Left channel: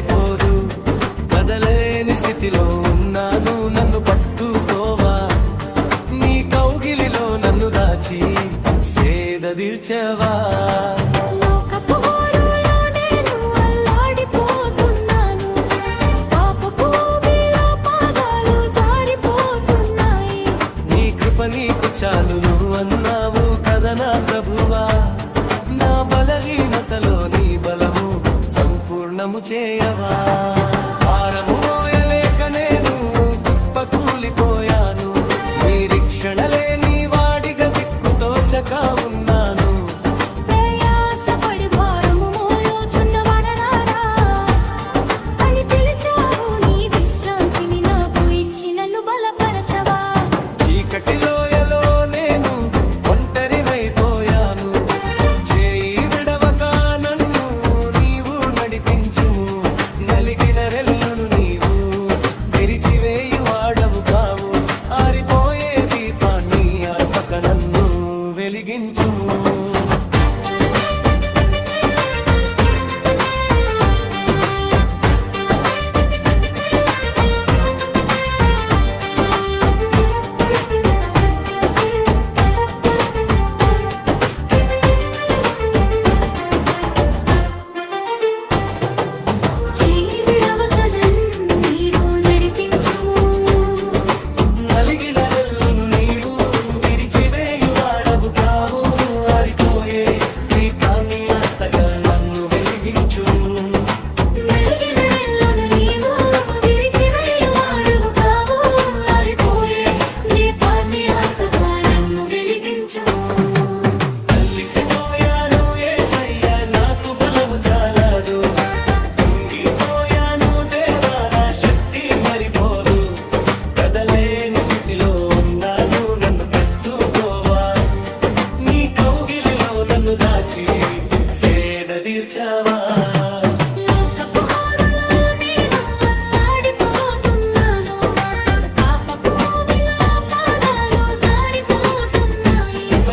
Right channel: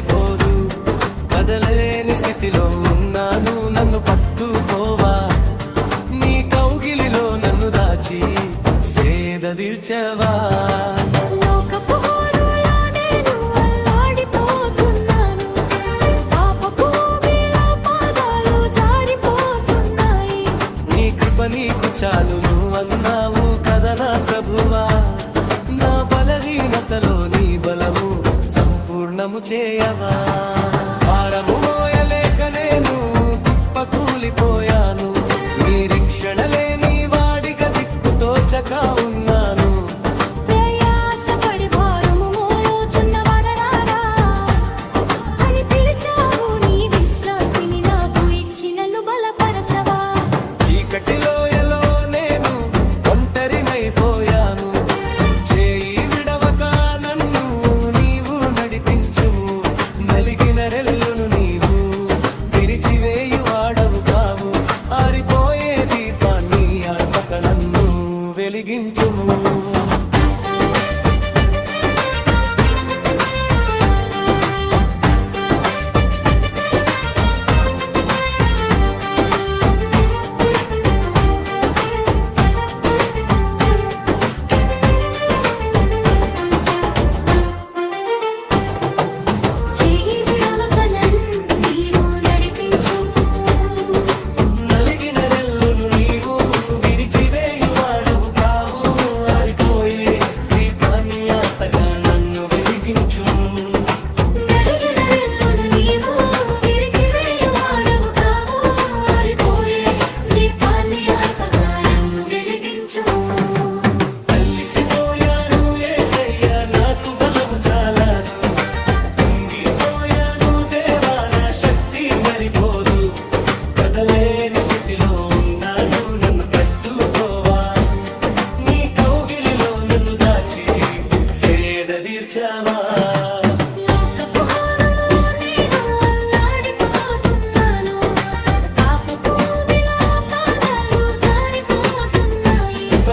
సరిపోదు కదలేని స్థితిలో ఉన్నాను నన్ను పట్టుకోవా. నీ కౌగిలిలో నన్ను దాచి సేదదీర్చవా నీకు చాలును అన్నావు కదా నా ప్రభువా. నా బలహీనతలో నీ బలము సంపూర్ణము చేయవా? భారము మోయలేక నేను కుప్ప కూలిపోయాను. నిరీక్షణ లేని వాడిగా దిక్కుతోచక ఉన్నాను. ప్రయాసపడి నడిపించుము నలిగిన రెల్లును నీవు. విరిచివేయు వాడవు కావు. ఆరిపోయే దీపాన్ని అర్పక నన్ను వెలిగించుము.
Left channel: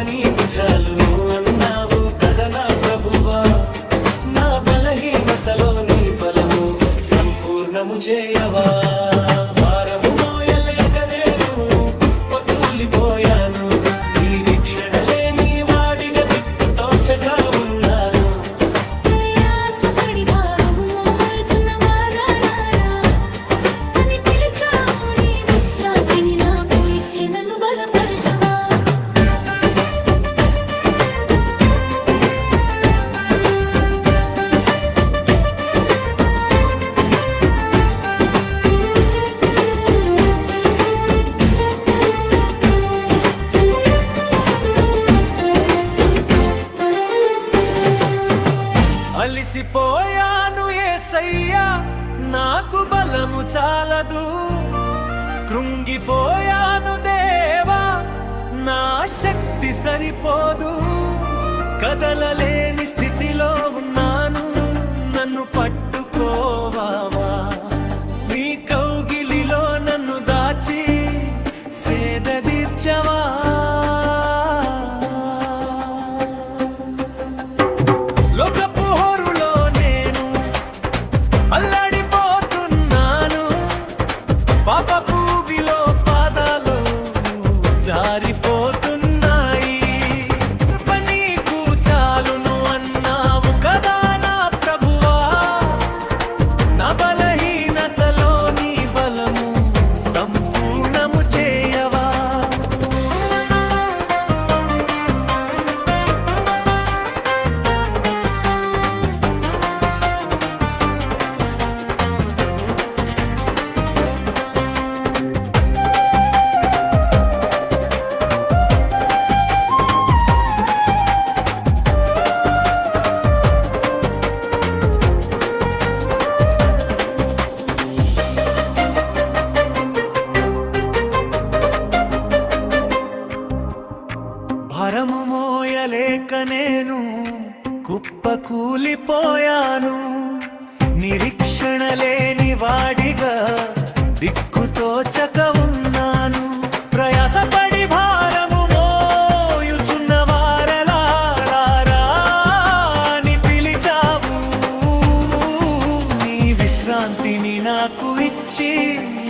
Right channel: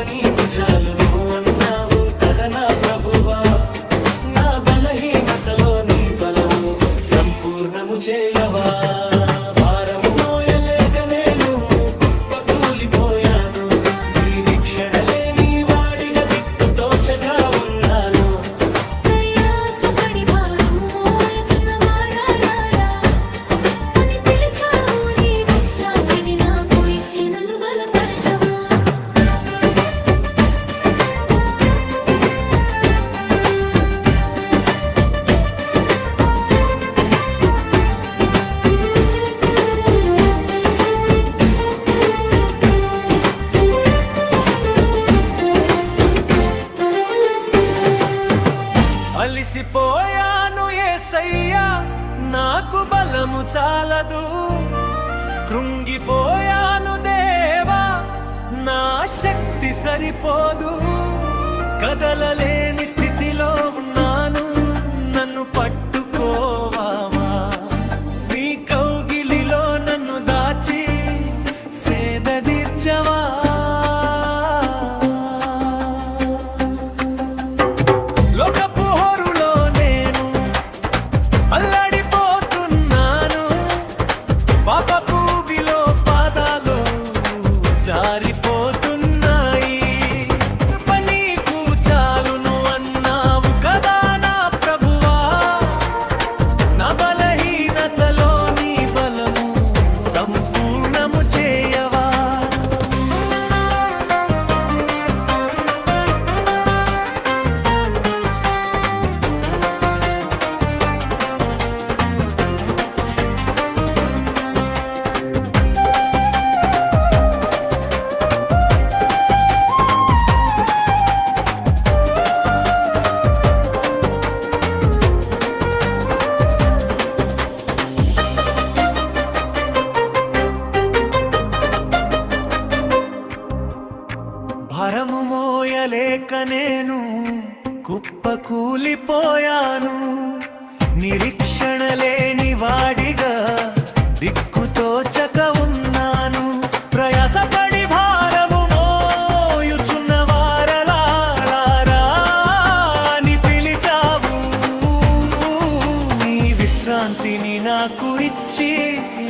నీకు చాలును అన్నావు నా ప్రభువా. నా బలహీనతలో నీ బలము సంపూర్ణము చేయవా? భారము మోయలేక నేను కుప్ప కూలిపోయాను. నిరీక్షణ లేని వాడిగా దిక్కు తోచక ఉన్నాను అలిసిపోయాను ఏసయ్యా నాకు బలము చాలదు. కృంగిపోయాను దేవా నా శక్తి సరిపోదు. కదలలేని స్థితిలో ఉన్నాను నన్ను పట్టుకోవావా. నీ కౌగిలిలో నన్ను దాచి సేదదీర్చవా కూలిపోయాను నిరీక్షణ లేని వాడిగా దిక్కుతోచక ఉన్నాను. ప్రయాసపడి భారము మోయుచున్న వారలారా పిలిచావు. నీ విశ్రాంతిని నాకు ఇచ్చి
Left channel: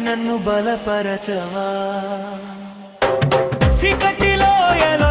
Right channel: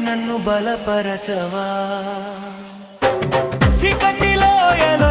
నన్ను బలపరచవా. చికటిలో ఎలో